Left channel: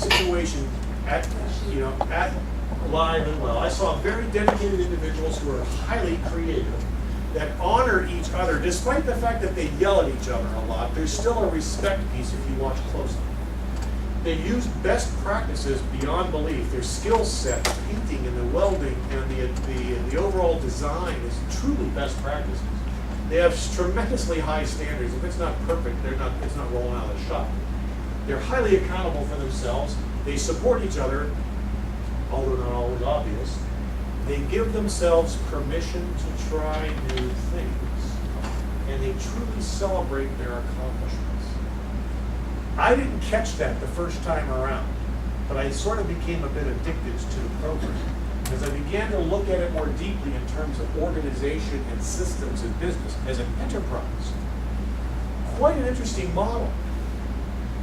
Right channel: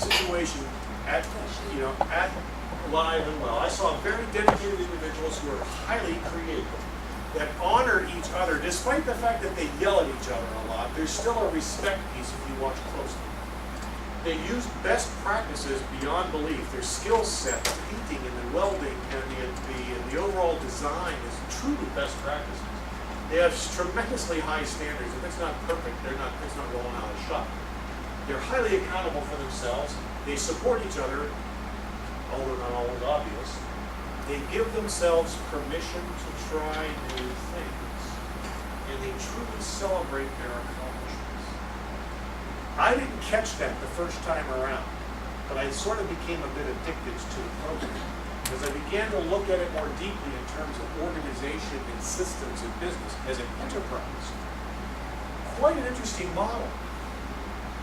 situation at, at Live and Well. I saw very dedicated individuals who are highly creative, that honor each other, despite the fact that they yell at each other a lot. There's still a respect piece if you watch closely. They use best practices beyond belief. Their skill set, the painting and the welding and the overall design is truly best practices. They have tremendously high standards. If it's not perfect, it's not rolling out of the shop. They're highly accountable for themselves. They support each other, although not always obvious. They give themselves permission to try new things, and they truly celebrate their accomplishments. I didn't catch that the first time around, but I sort of became a bit addicted to the program as I began to look at it more deeply in terms of organization and systems and business as an enterprise. Quite an interesting model.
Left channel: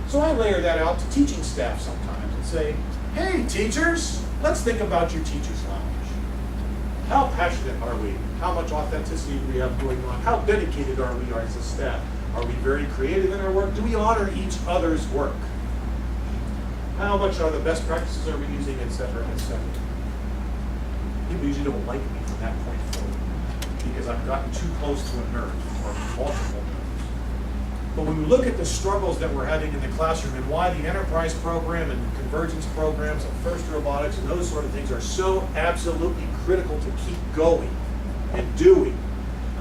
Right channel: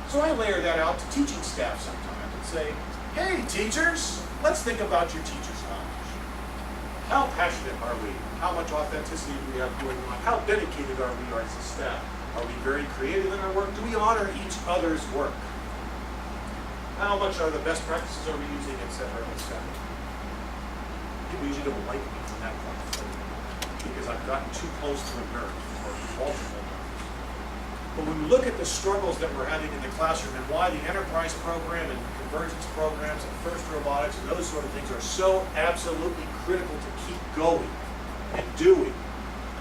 So I layer that out to teaching staff sometimes and say, hey teachers, let's think about your teacher's lounge. How passionate are we? How much authenticity do we have going on? How dedicated are we as a staff? Are we very creative in our work? Do we honor each other's work? How much are the best practices are we using, et cetera, et cetera? People usually don't like me from that point forward because I've gotten too close to a nerd or multiple nerds. But when we look at the struggles that we're having in the classroom and why the enterprise program and convergence programs and first robotics and those sort of things are so absolutely critical to keep going and doing,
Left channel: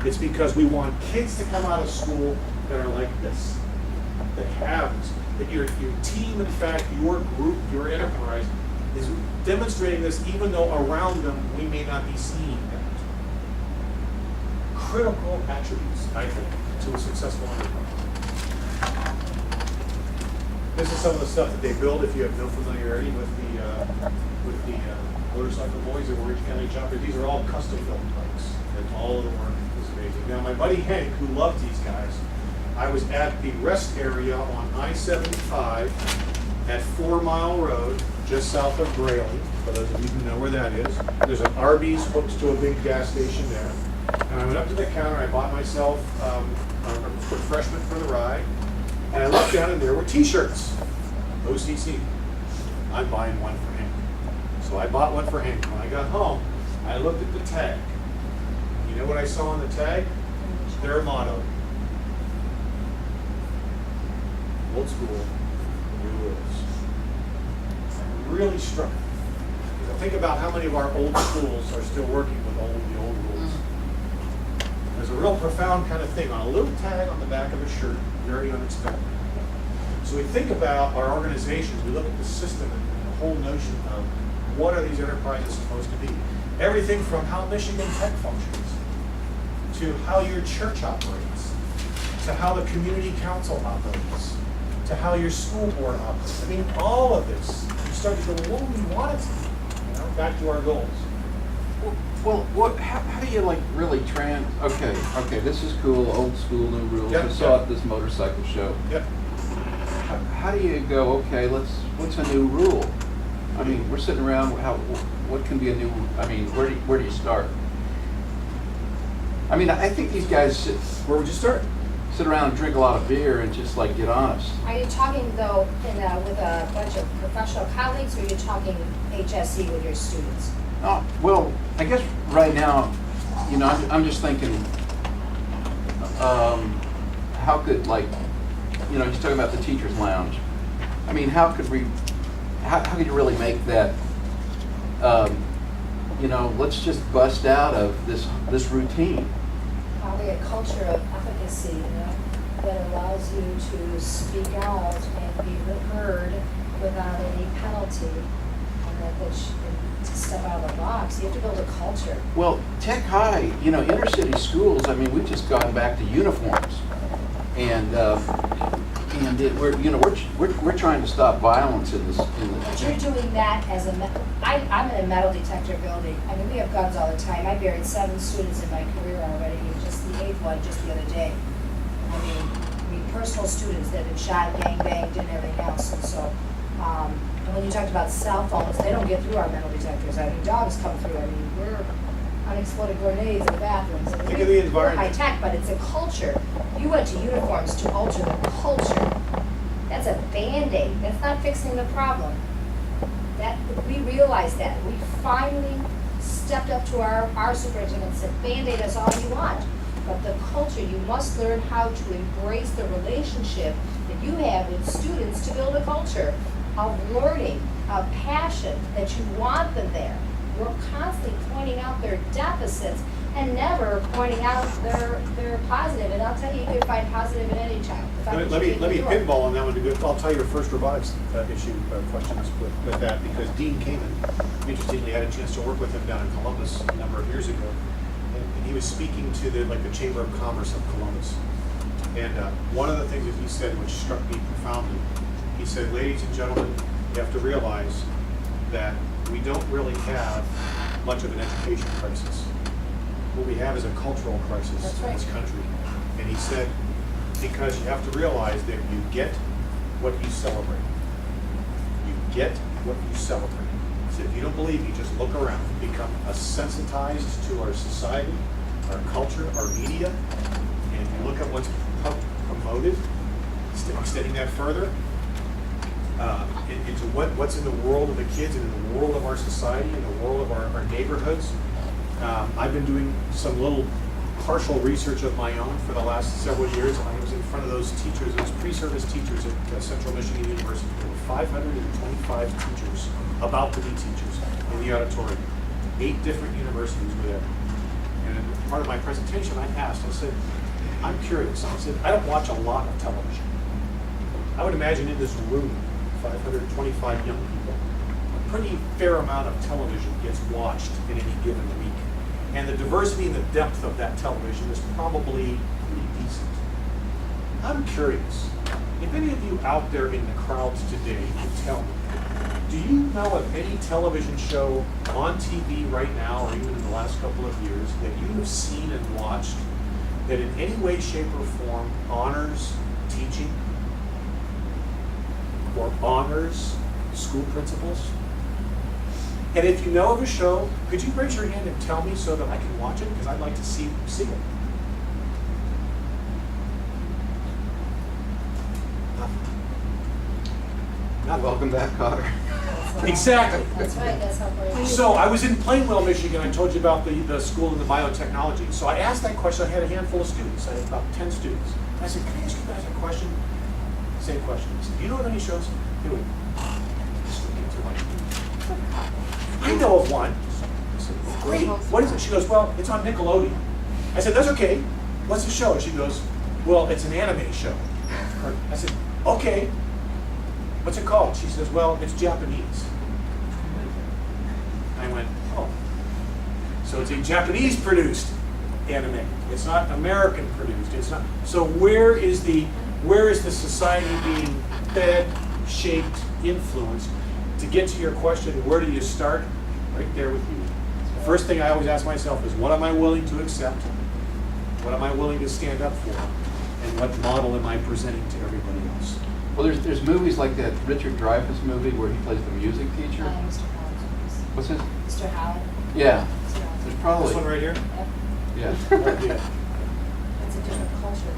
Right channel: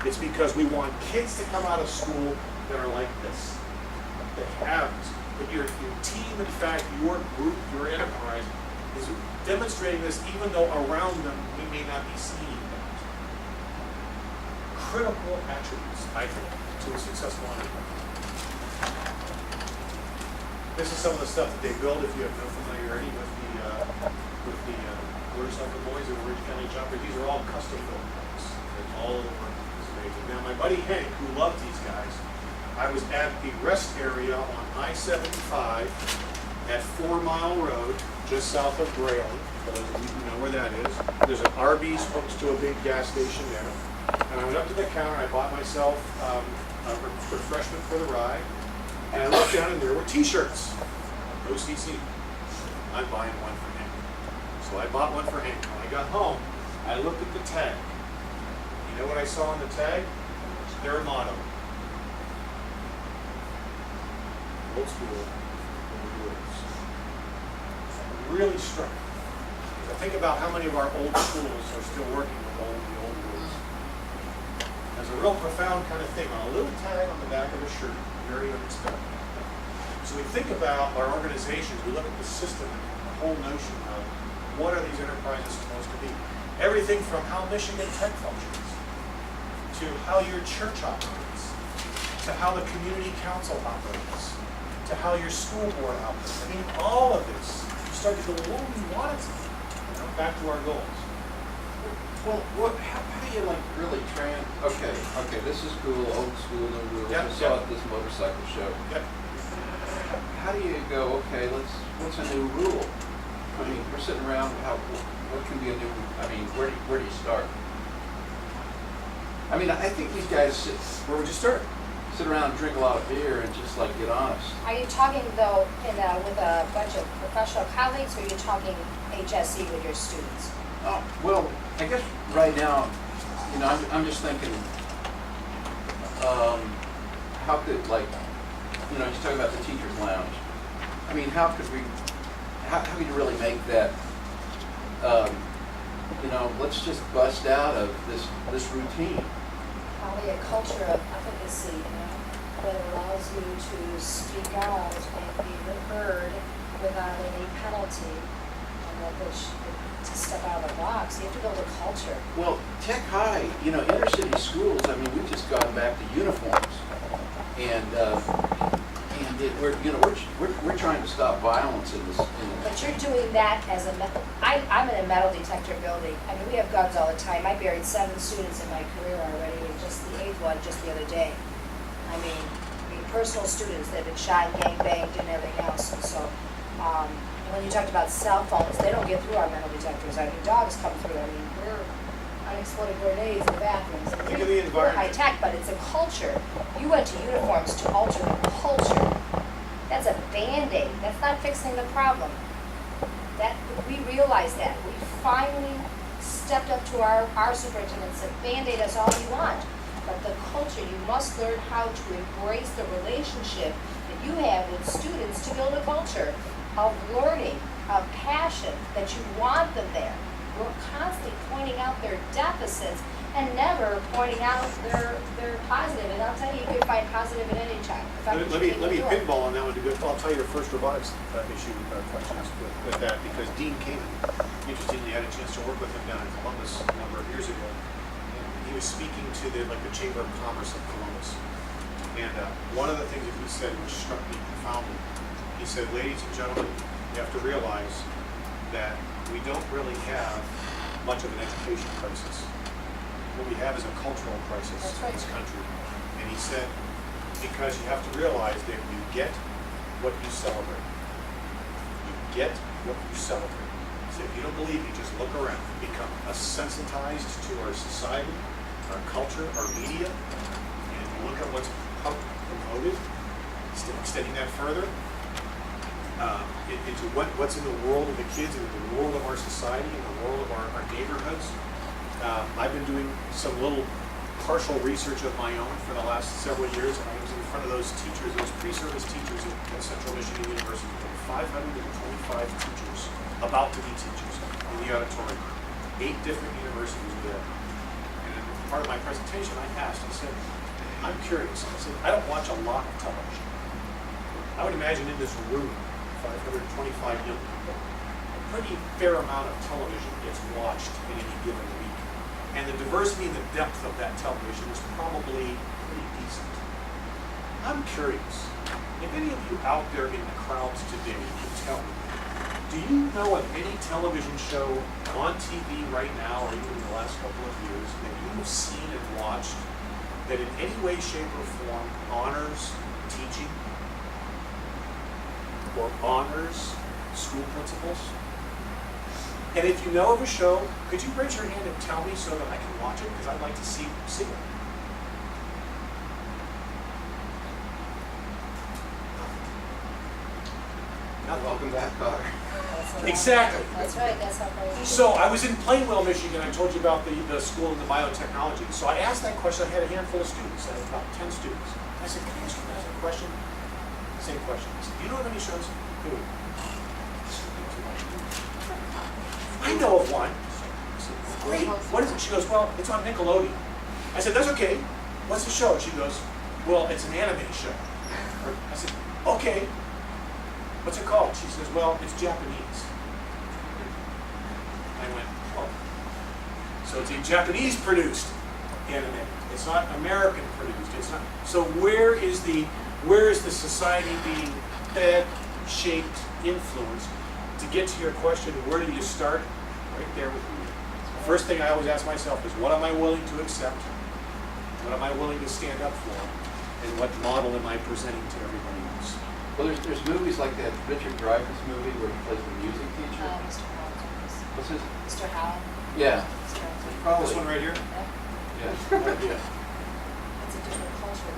it's because we want kids to come out of school that are like this, that have this, that your team, in fact, your group, your enterprise is demonstrating this even though around them we may not be seeing that. Critical attributes, I think, to a successful enterprise. This is some of the stuff that they build if you have no familiarity with the motorcycle boys or Orange County jumpers. These are all custom built bikes. And all of them are this amazing. Now my buddy Hank, who loved these guys, I was at the rest area on I-75 at 4 Mile Road, just south of Grayling, for those of you who know where that is. There's an Arby's hooked to a big gas station there. And I went up to the counter, I bought myself a refreshment for the ride, and I looked down and there were t-shirts. OCC. I'm buying one for Hank. So I bought one for Hank. When I got home, I looked at the tag. You know what I saw on the tag? Their motto. Old school, the new rules. It really struck me. I think about how many of our old schools are still working with the old rules. There's a real profound kind of thing on a little tag on the back of a shirt, very unexpected. So we think about our organizations, we look at the system and the whole notion of what are these enterprises supposed to be. Everything from how Michigan Tech functions, to how your church operates, to how the community council operates, to how your school board operates. I mean, all of this, you start to go, what do we want it to be? Back to our goals. Well, how do you like really okay, this is cool, old school, new rules. I saw at this motorcycle show. Yep. How do you go, okay, what's a new rule? I mean, we're sitting around, what can be a new, I mean, where do you start? I mean, I think these guys Where would you start? sit around and drink a lot of beer and just like get honest. Are you talking though with a bunch of professional colleagues, or are you talking HSE with your students? Oh, well, I guess right now, I'm just thinking, how could, like, you're talking about the teacher's lounge. I mean, how could you really make that, let's just bust out of this routine. Probably a culture of efficacy, that allows you to speak out and be heard without any penalty, and that to step out of the box. You have to build a culture. Well, Tech High, inner city schools. I mean, we've just gone back to uniforms, and we're trying to stop violence in this. But you're doing that as I'm in a metal detector building. I mean, we have guns all the time. I buried 7 students in my career already, and just the 8th one just the other day. I mean, personal students that have been shot, gang banged, and everything else. And so, and when you talked about cell phones, they don't get through our metal detectors. I mean, dogs come through. I mean, we're unexploded grenades in the bathrooms. And Think of the environment. We're high tech, but it's a culture. You went to uniforms to alter the culture. That's a Band-Aid, that's not fixing the problem. That, we realize that, we finally stepped up to our superintendent and said, Band-Aid is all you want. But the culture, you must learn how to embrace the relationship that you have with students to build a culture of learning, of passion, that you want them there. We're constantly pointing out their deficits and never pointing out their positive. And I'll tell you, you can find positive in any child. If I Let could me do it. pinball on that one to go. I'll tell you your first robotics issue questions with that, because Dean Kamen, interestingly, I had a chance to work with him down in Columbus a number of years ago, and he was speaking to the Chamber of Commerce of Columbus. And one of the things that he said, which struck me profoundly, he said, "Ladies and gentlemen, you have to realize that we don't really have much of an education crisis. What we have is a cultural crisis That's in right. this country." And he said, because you have to realize that you get what you celebrate. You get what you celebrate. So if you don't believe me, just look around. Become sensitized to our society, our culture, our media, and if you look at what's promoted, extending that further, into what's in the world of the kids and in the world of our society and the world of our neighborhoods. I've been doing some little partial research of my own for the last several years. I was in front of those teachers, those pre-service teachers at Central Michigan University. There were 525 teachers, about to be teachers, in the auditorium. 8 different universities were there. And in part of my presentation, I asked, I said, I'm curious. I said, I don't watch a lot of television. I would imagine in this room, 525 young people, a pretty fair amount of television gets watched in any given week. And the diversity and the depth of that television is probably pretty decent. I'm curious, if any of you out there in the crowds today could tell me, do you know of any television show on TV right now, or even in the last couple of years, that you have seen and watched that in any way, shape, or form honors teaching or honors school principals? And if you know of a show, could you raise your hand and tell me so that I can watch it? Because I'd like to see it. Not Welcome back, Cotter. Exactly. That's right, that's how far you So I was in Plainwell, Michigan. I told you about the school in the biotechnology. So I asked that question. I had a handful of students. I had about 10 students. I said, can I ask you guys a question? Same question. I said, do you know of any shows? Who? I know of one. I said, great. What is it? She goes, well, it's on Nickelodeon. I said, that's okay. What's the show? She goes, well, it's an anime show. I said, okay. What's it called? She says, well, it's Japanese. I went, oh. So it's a Japanese produced anime. It's not American produced. It's not. So where is the society being fed, shaped, influenced? To get to your question, where do you start? Right there with you. The first thing I always ask myself is, what am I willing to accept? What am I willing to stand up for? And what model am I presenting to everybody else? Well, there's movies like that Richard Dreyfuss movie where he plays the music teacher. Mr. Howard. What's his? Mr. Howard. Yeah. Mr. Howard. There's probably. This one right here? Yep. Yeah. Yeah. It's a different culture.